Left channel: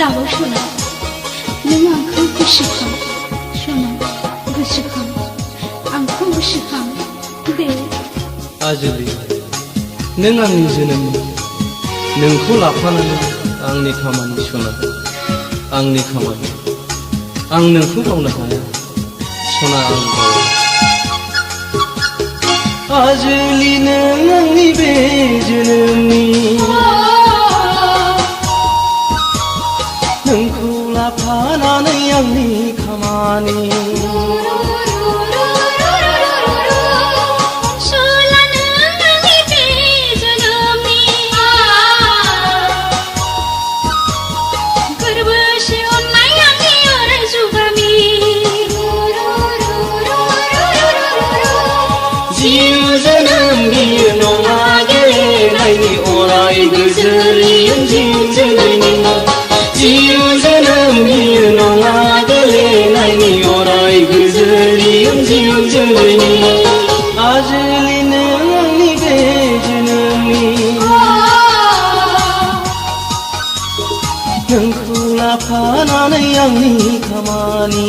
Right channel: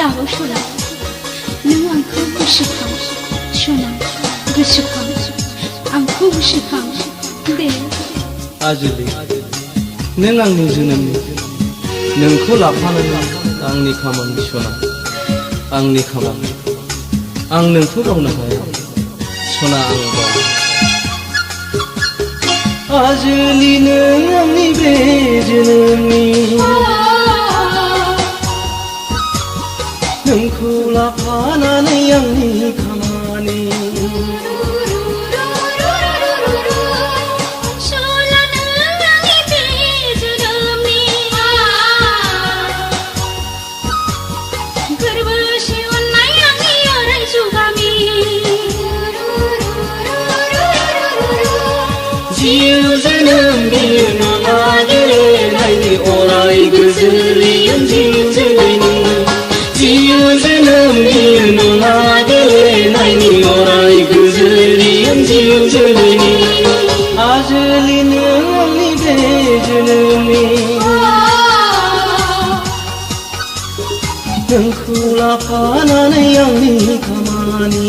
दाबो सना नों आंखौ गोसोखां सना गोसोखां आंखौ गोसोखां दे आजोलि नों आंनि जोनोमनि नोंखौ लाफानानै आंनि खामानि सना आंनि खामानि आं नोंखौ बावनो हाया सना आं बावा आजोलि नों आंनि बे जोनोमनि नोंखौ लाफानानै आंनि खामानि जिउ जोनोम बियो नङा गेलेनायनि अराय गोजोरियों जिउ जोलैनि जिउ जोनोम बियो नङा गेलेनायनि अराय गोजोरियों जिउ जोलैनि आजोलि नों आंनि बे जोनोमनि नोंखौ लाफानानै आंनि खामानि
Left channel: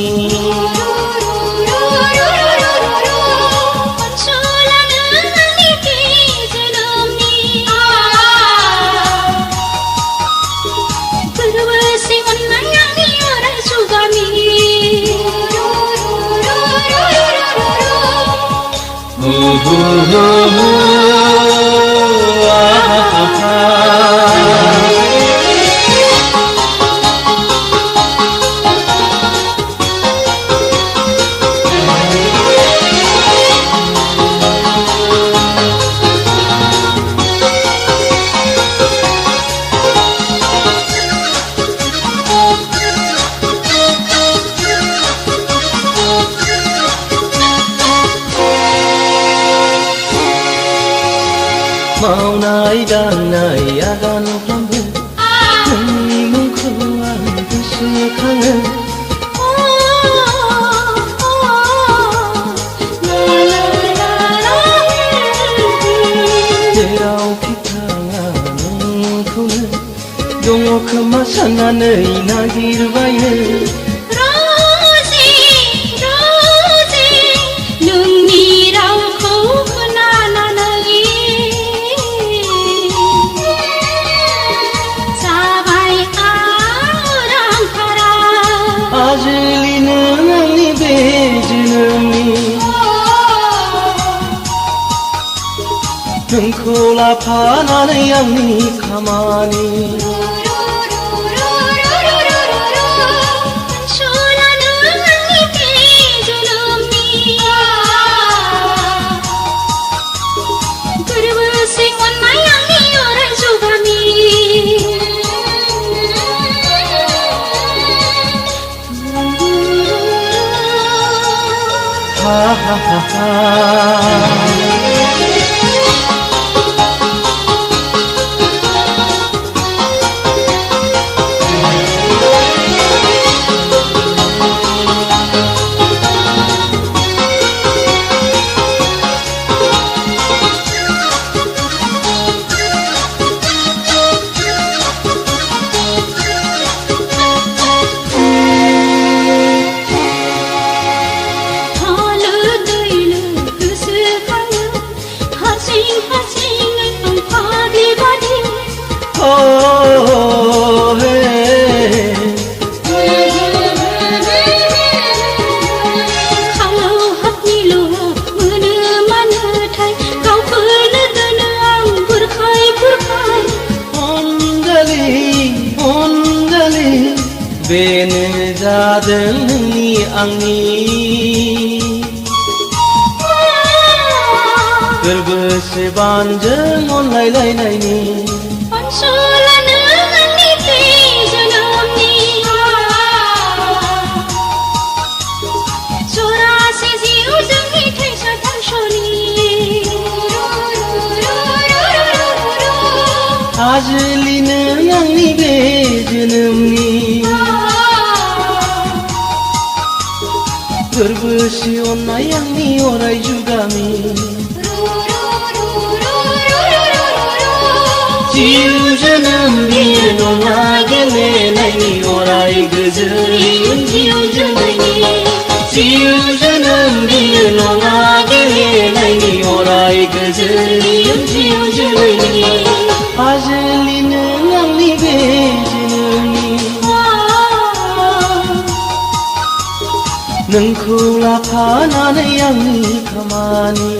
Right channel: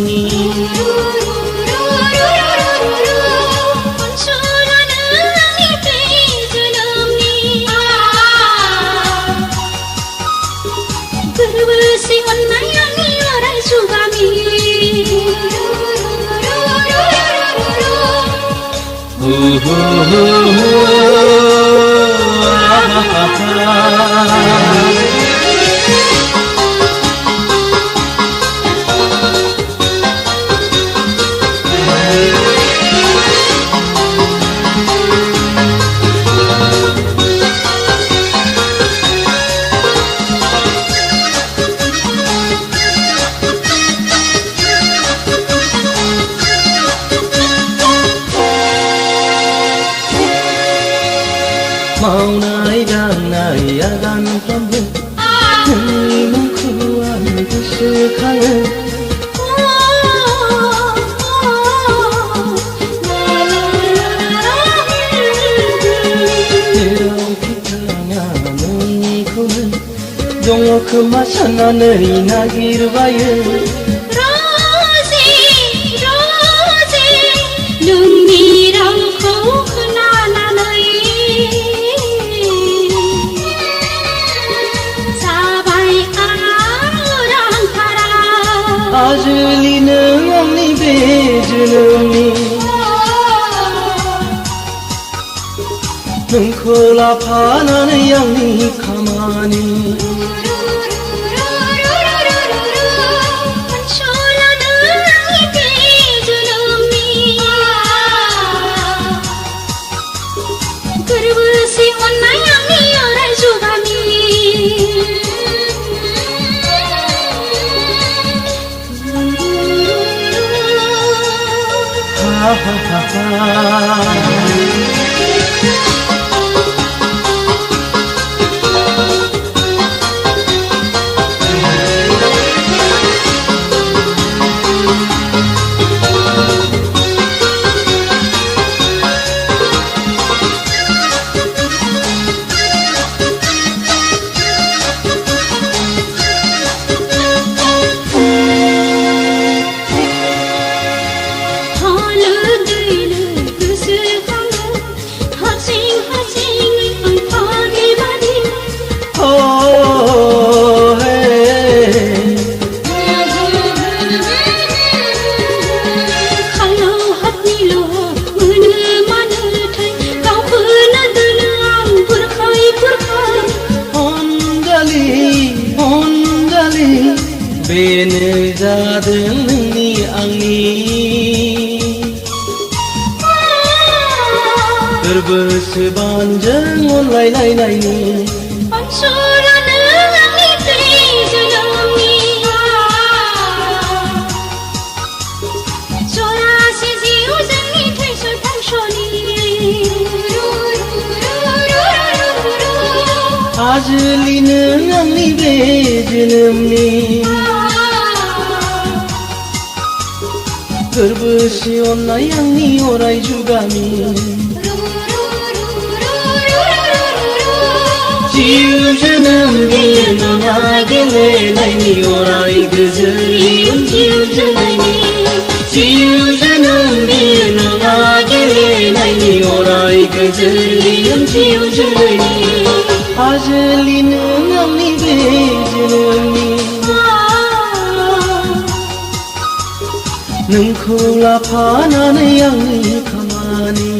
मावनाय दांनाय आगानफ्रोमबो नोंनि मुंखौ आं गोसोखाङो जेरावखि थाङा नोंखौनो दङ खोमा साननानै नागिरबायो आजोलि नों आंनि बे जोनोमनि नोंखौ लाफानानै आंनि खामानि ha ha ha बेनो जादों नोंनि आंनि गोरबोसे बानजों अनलायलायनायनि आजोलि नों आंनि बे जोनोमनि गोरबोसे अननाय आंनि अराय जुगामि जिउ जोनोम बियो नङा गेलेनायनि अराय गोजोर इयुन जिउ जोलैनि जिउ जोनोम बियो नङा गेलेनायनि अराय गोजोर इयुन जिउ जोलैनि आजोलि नों आंनि बे जोनोमनि नोंखौ लाफानानै आंनि खामानि